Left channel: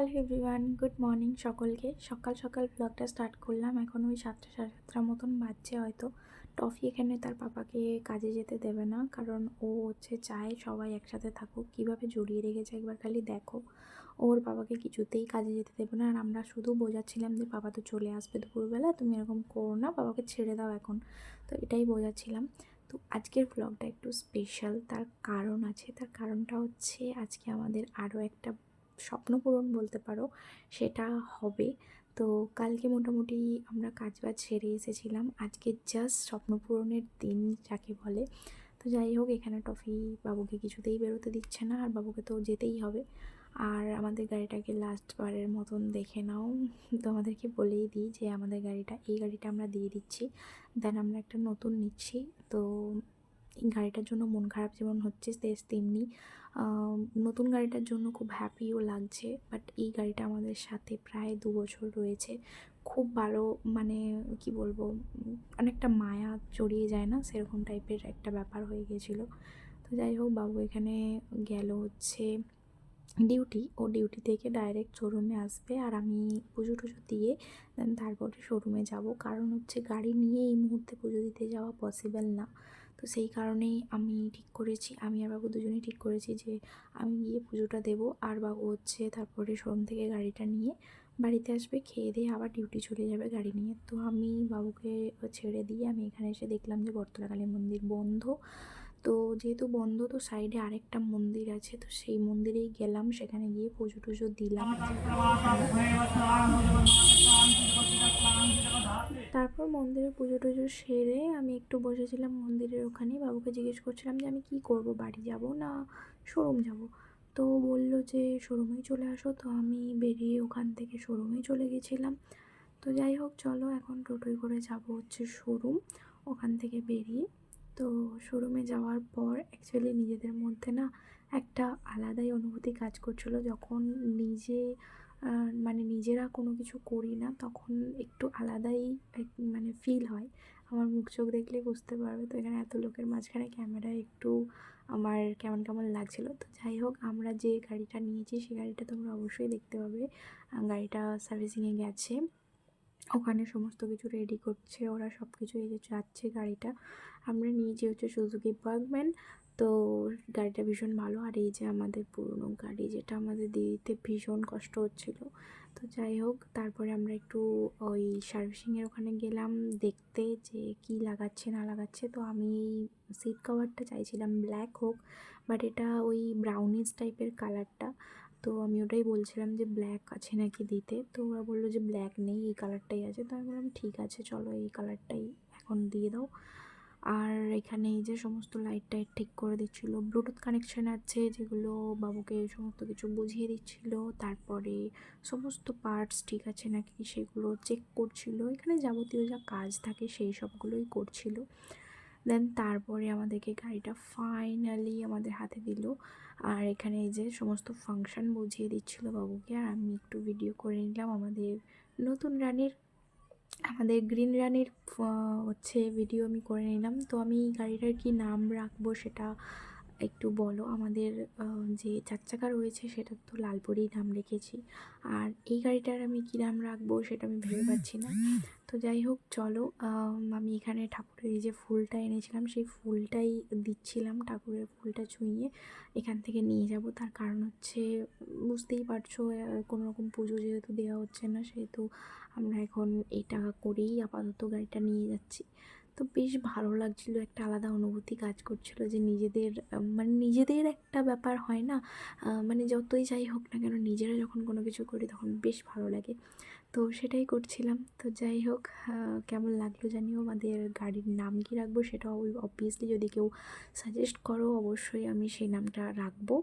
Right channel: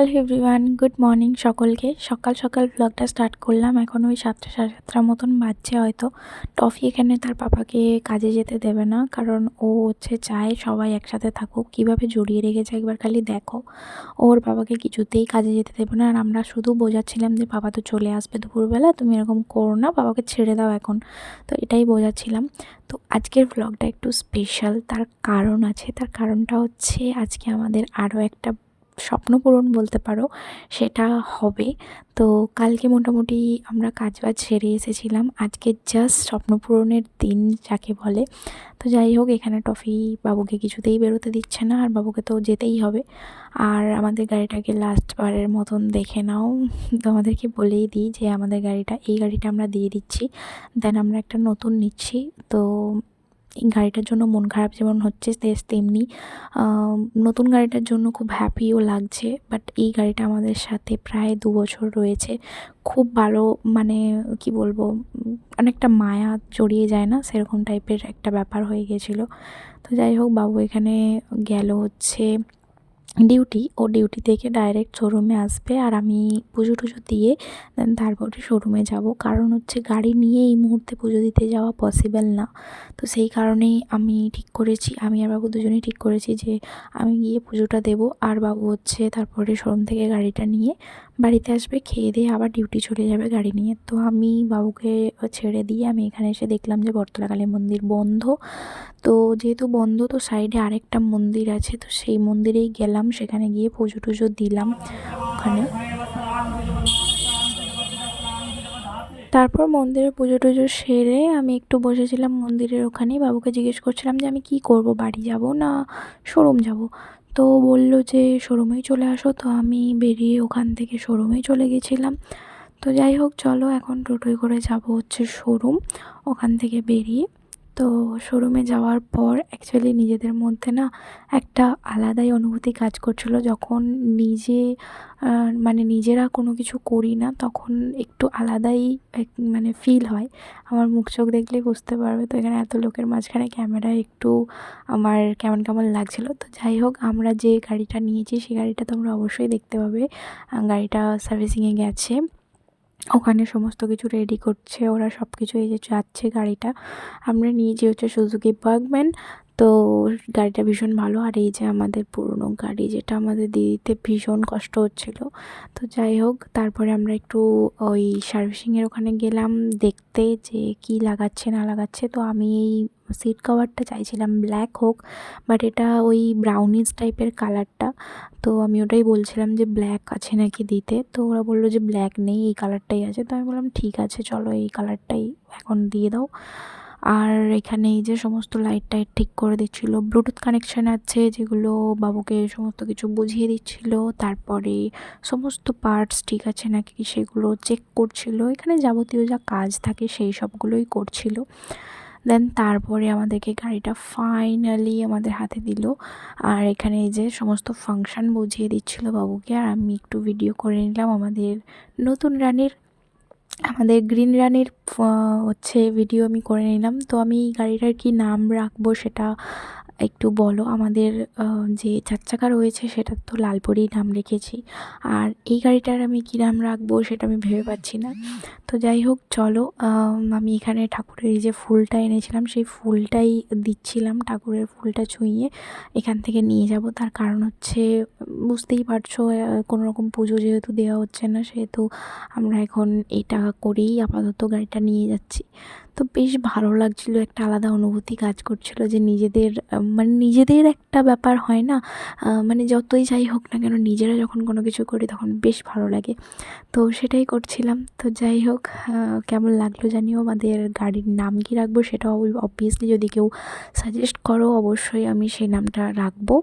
Hello everyone, good morning সকলকে। সকাল সকাল ব্লগটা স্টার্ট করলাম। এখন ওই 7টা সাড়ে 7টার মতন বাজছে হয়তো। টফি এখানে তার পাপাকে কাজে যেতে দেবে না, কারণ ও চায় সবাই একসাথে থাকুক। কীভাবে জড়িয়ে রেখেছে একবার খালি দেখো। ওর বাবাকে কিছুতেই কাজে যেতে দেবে না, আর আমরা শুধু বোঝাচ্ছিলাম যে বাবা তো চলে আসবে দুপুরবেলা, তুমি এরকম করো না, বাবাকে ছেড়ে দাও এখন। তো এটাই বোঝাচ্ছিলাম। তো আজকের ব্লগটা একটু স্পেশাল, তার কারণ আছে। তার কারণটা হচ্ছে আজকে আমাদের আরও একটা স্বপ্ন পূরণ বলতে পারো, সেটা হবে। তো কালকে মোটামুটি আমরা কাজবাজ সেরে এসেছিলাম, আজকে জাস্ট স্বপ্ন পূরণের দিন যাকে বলে। তো যাই হোক, এখানে টফি বাবুকে কিছুতেই বেরোতে দিচ্ছে না, আর বাবুকে তো যেতেই হবে। আর আমাদের গাড়িটাকে লাস্টবারের মতন দেখে নাও। তোমাদেরকে বলেই দিই যে আমাদের এই গাড়িটা আমরা দিয়ে দিচ্ছি, দেন আমরা একটা নতুন নিচ্ছি। তো এই গাড়িটার জন্য মন খারাপ যেমন হচ্ছে তেমনি নতুন গাড়িটার জন্য খুব হ্যাপিও লাগছে। বাট এই গাড়িটা আমাদের সাথে প্রায় 2 বছর রয়েছে। খুব ভালো, মানে কি বলবো, অনেকটা মায়া জড়িয়ে যায় না, সেরকম টাইপের একটা ব্যাপার হয়ে গেছিলো। তো যাই হোক, বাবু এখানে গেল হচ্ছে ডিউটি থেকে ডাইরেক্ট শোরুমে আসবে, আর আমি পুজো টুজো দিয়ে দেন তারপরে শোরুমে যাব। কারণ হচ্ছে গাড়ি নিয়ে এই মুহূর্তে পুজো দিতে যাওয়া পসিবল না। তো সেই কারণেই আমি আর বাবু দুজনেই ঠিক করেছি যে আমি গিয়ে পুজোটা দেবো, আর বাবু তারপরে শোরুম থেকে গাড়িটা নিয়ে বাড়িতে আসবে, খেয়ে দিয়ে আবার ডিউটি চলে যাবে গাড়ি নিয়ে। তো আমি বাবুকে ছেড়ে দিয়ে আমি এখানে এসে দেখলাম যে বটতলা কালী মন্দির বন্ধ। তো যেহেতু বন্ধ, তো সাইডে আরেকটা মন্দির আছে, তো সেই মন্দিরেই গেলাম, সেখানে গিয়ে পুজো টুজো দিলাম ওখানে। তারপর মন্দিরে পুজো টুজো সেরে আমি একটু বসেছিলাম মন্দিরের ওখানেই, বাবুকে জিজ্ঞেস করছিলাম যে আমি কি করব, বাড়ি যাব না শোরুম যাব। তো বলল যে শোরুমেই চলে আসো। তো আমি বেরিয়ে ওখান থেকে শোরুমেই চলে গেছিলাম। তো যাই হোক, চলো এখন টোটোয় করে যাব শোরুম। ওখান থেকে বেরিয়ে তো শোরুমে যাওয়ার পর অ্যাকচুয়ালি নিজেদের মধ্যে না একটা আলাদাই অনুভূতি কাজ করছিল, যখন মানে নিজেরা কোনো কিছু করি না, তখন একটু আলাদাই মানে ফিল হয়। আমার মুখ চোখ দেখলেই বুঝতে পারবে। তো এখানে এত লোকের মাঝখানে ক্যামেরায় একটু আমার কেমন কেমন লাগছিল। তো যাই হোক, আমরা যে গাড়িটা নিয়েছি সেই গাড়িটা তোমরা অবশ্যই দেখতে পাবে। গাড়িটা সার্ভিসিংয়ে গেছে, ওখানে সমস্ত কিছু রেডি করছে ওরা, সব কিছু। এই যে যাচ্ছে গাড়িটা, আমরা নিয়েছি সুজুকি বাগম্যান। তো গাড়িটা ভীষণ ভালো। আর এই যে আমাদের পুরনো গাড়ি, যেটা আমাদের দিতে ভীষণ কষ্ট হচ্ছিল। তো যাই হোক, তারপরে আমরা একটু ওই সার্ভিসিংয়ের ওখানে গেলাম দেখতে যে কি লাগাচ্ছে না লাগাচ্ছে। তো আমি এই সিট কভারটা চাইছিলাম ব্ল্যাক হোক, বাট এটা ওই ব্রাউনিশ টাইপের কালারটা। তো আমি ওটাই বলছিলাম যে ব্ল্যাক আছে নাকি দিতে। তো ওরা বললো যে ব্ল্যাক নেই, এই কালারটাই আছে। তো আমি বললাম ঠিক আছে, চলো এই কালারটাই এখন দিয়ে দাও। আর এখানে এই যে সমস্ত লাইট টাইট ঠিক করে দিচ্ছিলো, ব্লুটুথ কানেকশান আছে যেগুলো বাবুকে সমস্ত কিছু বুঝিয়ে দিচ্ছিলো। তারপরে সমস্ত পার্টস ঠিক আছে নাকি সেগুলো চেক করছিলো, এখানে যাবতীয় যা কাজ থাকে সেই সবগুলোই করছিলো। দেন তারপরে আমাদেরকে গাড়িটা ফাইনালি আমাদের হাতে দিল। আর এখানে এই যে সমস্ত ফাংশন বুঝিয়ে দিচ্ছিল বাবুকে, আর আমি একটু ভিডিও করে নিলাম নতুন রানীর আমাদের গ্রিন রানীর ভিডিও আমি করে নিলাম। তো আমি গাড়িটার কি নাম রাখবো সেটা একটু বলো। আমাদের যে 4 চাকা রয়েছে সেটার তো লালপরীই নাম রেখেছি, আর এই গাড়িটার আমি কী নাম রাখবো সেটা আমি ভেবে পাচ্ছি না। তো যাই হোক, চলো আমি এখানে ঠাকুরের এই যে ফুলটা এনেছিলাম সেই ফুলটাই দিচ্ছিলাম, ঠাকুরের ফুলটা ছুঁয়ে এখান থেকে নিয়ে যাব। তার কারণ হচ্ছে বুঝতেই পারছো, কোনো রকম পুজো যেহেতু দেওয়া হচ্ছে না, সেহেতু আমরা এখন এটা করেই আপাতত গাড়িটা নিয়ে যাচ্ছি। তো বেশ ভালো লাগছিলো, একটা আলাদা অনুভূতি কাজ করছিলো যে মানে নিজেদের একটা ব্যাপার হয় না, মানে যতই যাই হোক না কেন নিজেরা যখন কোনো কিছু করি তখন বেশ ভালো লাগে। তো সেটাই করছিলাম। তো যাই হোক, কেমন লাগলো জানিও। আমাদের গাড়ির নাম কী রাখবো সেটা অবভিয়াসলি যদি কেউ সাজেস্ট করো অবশ্যই আমি সেই নামটা রাখবো।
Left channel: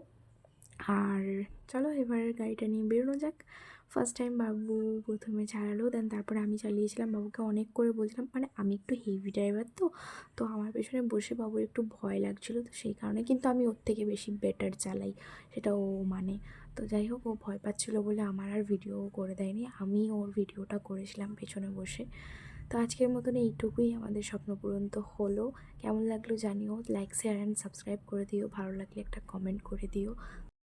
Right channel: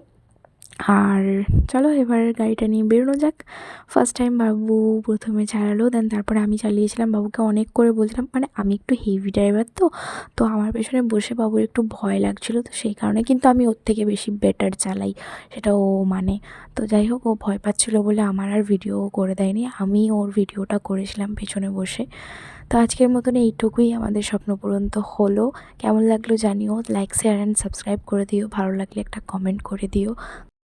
আর চলো এবার গাড়িটা নিয়ে বেরোনো যাক। ফার্স্ট টাইম বাবু প্রথমে চালালো, দেন তারপরে আমি চালিয়েছিলাম। বাবুকে অনেক করে বলছিলাম, মানে আমি একটু হেভি ড্রাইভার, তো আমার পেছনে বসে বাবুর একটু ভয় লাগছিলো, তো সেই কারণে কিন্তু আমি ওর থেকে বেশি বেটার চালাই, সেটা ও মানে। তো যাই হোক, ও ভয় পাচ্ছিলো বলে আমার আর ভিডিও করে দেয়নি, আমি ওর ভিডিওটা করেছিলাম পেছনে বসে। তো আজকের মতন এইটুকুই, আমাদের স্বপ্ন পূরণ তো হলো। কেমন লাগলো জানিও, লাইক শেয়ার অ্যান্ড সাবস্ক্রাইব করে দিও, ভালো লাগলে একটা কমেন্ট করে দিও।